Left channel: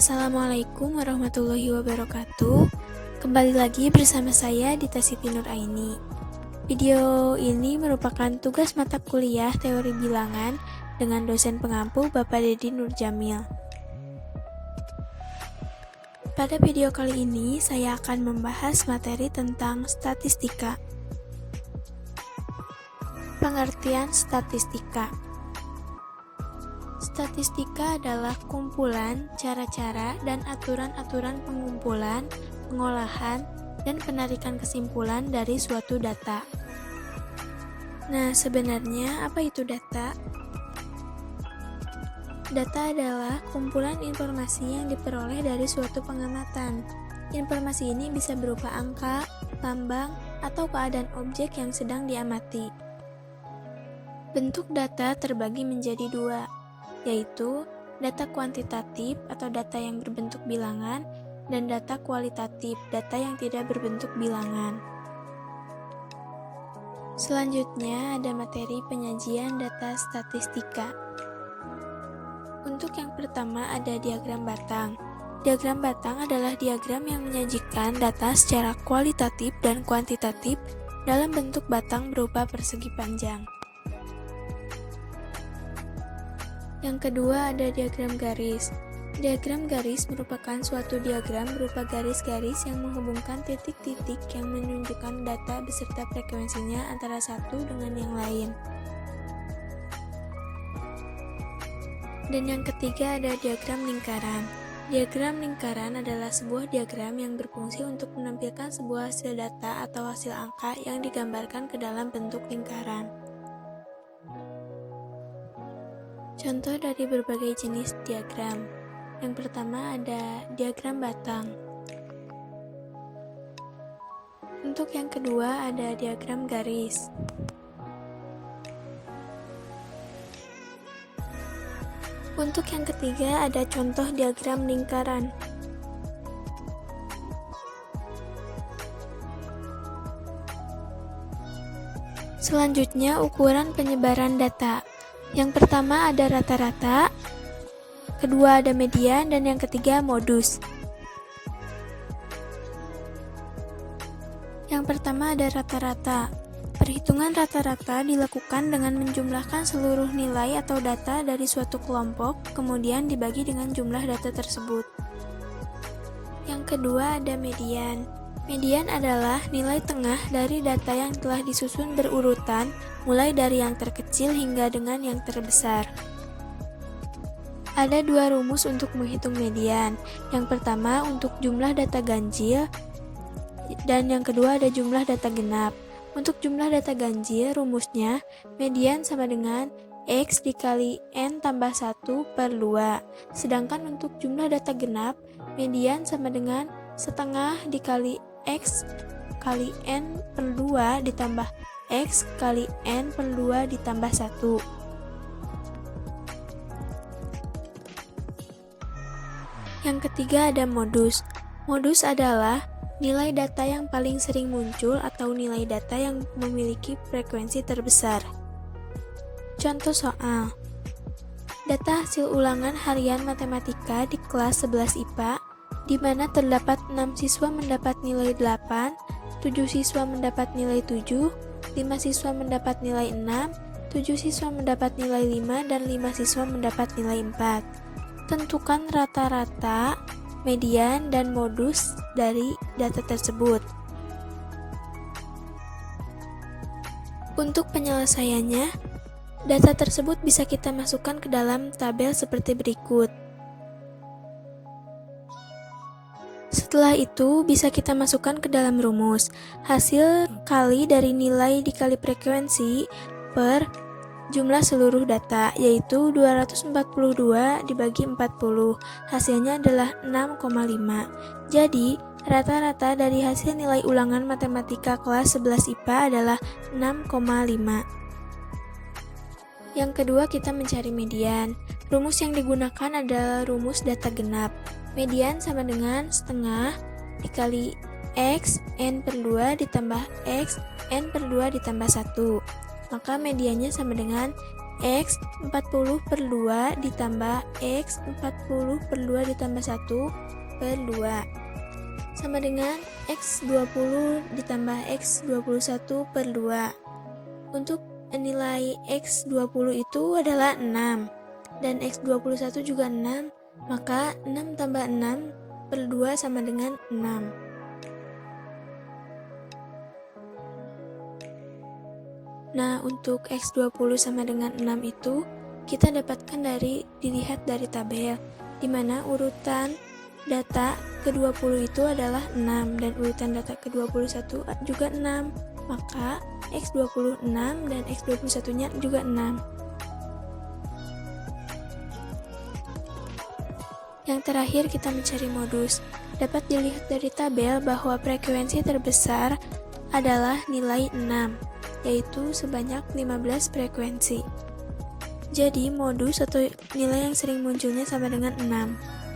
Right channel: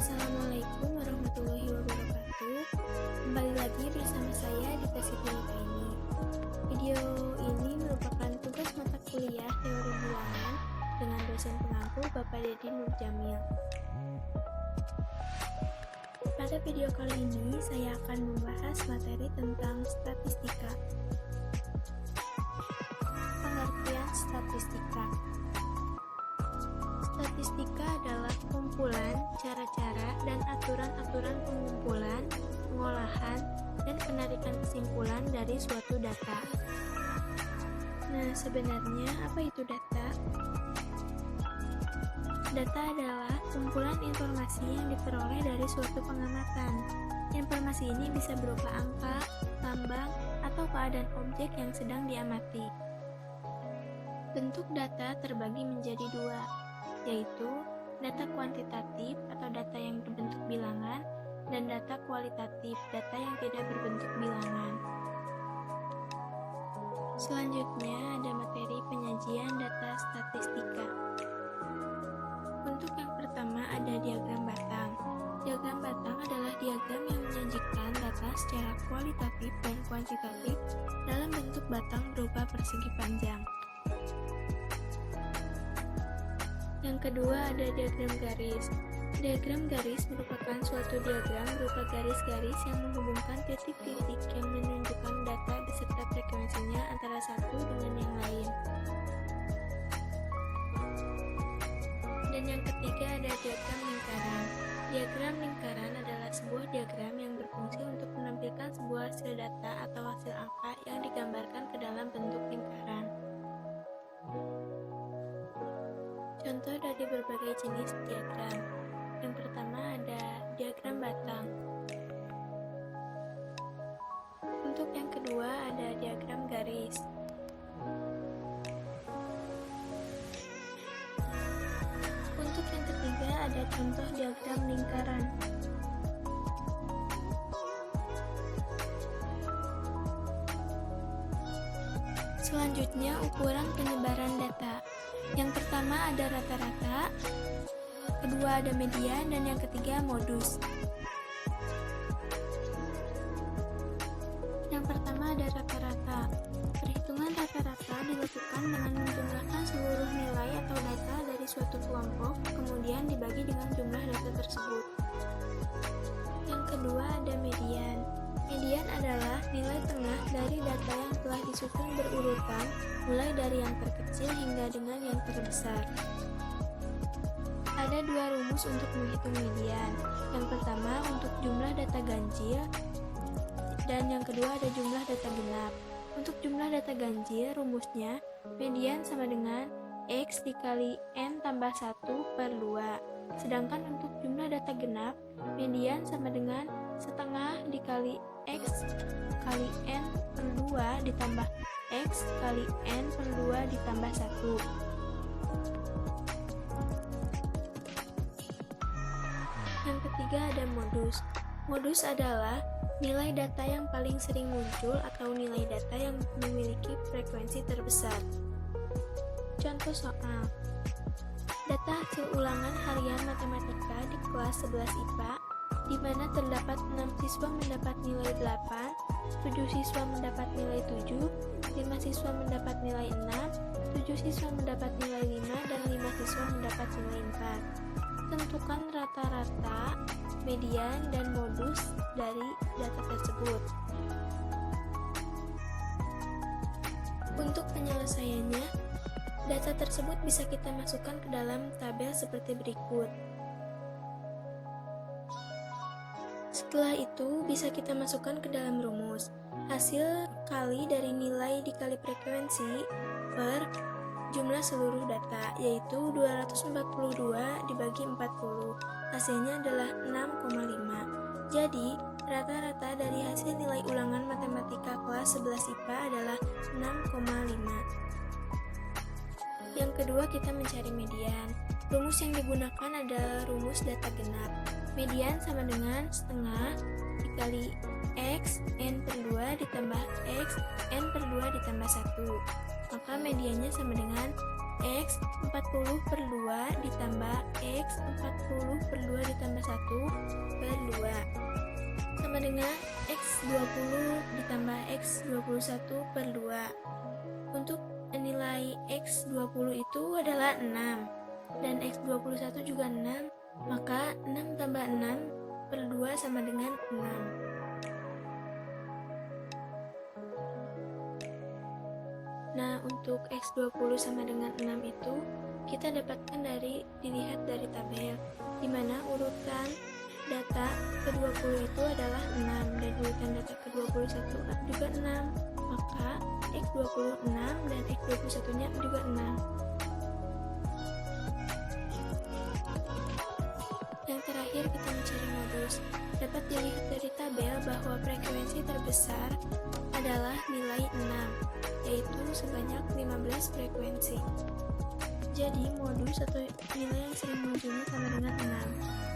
Assalamualaikum warahmatullahi wabarakatuh. Kembali lagi bersama saya Dita Siti Nuraini. Video ini merupakan tugas mata kuliah teori bilangan dengan dosen pengampu Bapak Dedi Nurjamil. Pada video kali ini saya akan membahas materi tentang statistika. Pengertian statistika. Statistika adalah kumpulan, cara-cara, dan aturan-aturan pengumpulan, pengolahan, dan penarikan kesimpulan dari suatu data. Nah, sebenarnya apa itu data? Data adalah kumpulan informasi yang diperoleh dari suatu pengamatan. Informasi ini bisa berupa angka, lambang, atau keadaan objek yang sedang diamati. Bentuk data terbagi menjadi dua, yaitu data kuantitatif atau data yang berbentuk bilangan dan data kualitatif, data yang tidak berbentuk bilangan. Selanjutnya ada materi penyajian data statistika. Untuk yang pertama ada diagram batang. Diagram batang adalah diagram yang menyajikan data secara kualitatif dan kuantitatif dalam bentuk batang berupa persegi panjang. Yang kedua ada diagram garis. Diagram garis merupakan suatu diagram berupa garis-garis yang menghubungkan titik-titik yang menunjukkan data beserta frekuensinya antara satu dengan yang lain. Dan yang ketiga ada diagram lingkaran. Diagram lingkaran adalah sebuah diagram yang berfungsi untuk menampilkan sebuah hasil data atau hasil angka yang digambarkan ke dalam bentuk lingkaran. Contoh dari berbagai jenis diagram. Yang pertama ada diagram batang. Untuk yang kedua ada diagram garis. Untuk yang ketiga ada contoh diagram lingkaran. Selanjutnya ukuran penyebaran data. Yang pertama ada rata-rata, kedua ada median, dan yang ketiga modus. Yang pertama ada rata-rata. Perhitungan rata-rata dilakukan dengan menjumlahkan seluruh nilai atau data dari suatu kelompok, kemudian dibagi dengan jumlah data tersebut. Yang kedua ada median. Median adalah nilai tengah dari data yang telah disusun berurutan, mulai dari yang terkecil hingga dengan yang terbesar. Ada dua rumus untuk menghitung median. Yang pertama untuk jumlah data ganjil, dan yang kedua ada jumlah data genap. Untuk jumlah data ganjil, rumusnya median sama dengan X dikali N tambah 1 per 2. Sedangkan untuk jumlah data genap, median sama dengan setengah dikali X kali N per 2 ditambah X kali N per 2 ditambah 1. Yang ketiga ada modus. Modus adalah nilai data yang paling sering muncul atau nilai data yang memiliki frekuensi terbesar. Contoh soal. Data hasil ulangan harian matematika di kelas 11 IPA di mana terdapat 6 siswa mendapat nilai 8, 7 siswa mendapat nilai 7, 5 siswa mendapat nilai 6, 7 siswa mendapat nilai 5, dan 5 siswa mendapat nilai 4. Tentukan rata-rata, median, dan modus dari data tersebut. Untuk penyelesaiannya, data tersebut bisa kita masukkan ke dalam tabel seperti berikut. Setelah itu, bisa kita masukkan ke dalam rumus. Hasil kali dari nilai dikali frekuensi per jumlah seluruh data, yaitu 242 dibagi 40. Hasilnya adalah 6,5. Jadi, rata-rata dari hasil nilai ulangan matematika kelas 11 IPA adalah 6,5. Yang kedua, kita mencari median. Rumus yang digunakan adalah rumus data genap. Median sama dengan setengah dikali X N per 2 ditambah X N per 2 ditambah 1. Maka mediannya sama dengan X 40 per 2 ditambah X 40 per 2 ditambah 1 per 2 sama dengan X 20 ditambah X 21 per 2. Untuk nilai X 20 itu adalah 6 dan X 21 juga 6, maka 6 tambah 6 per 2 sama dengan 6. Nah, untuk X20 sama dengan 6 itu kita dapatkan dilihat dari tabel, di mana urutan data ke-20 itu adalah 6 dan urutan data ke-21 juga 6. Maka X20 6 dan X21-nya juga 6. Yang terakhir kita mencari modus. Dapat dilihat dari tabel bahwa frekuensi terbesar adalah nilai 6, yaitu sebanyak 15 frekuensi. Jadi modus atau nilai yang sering munculnya sama dengan 6.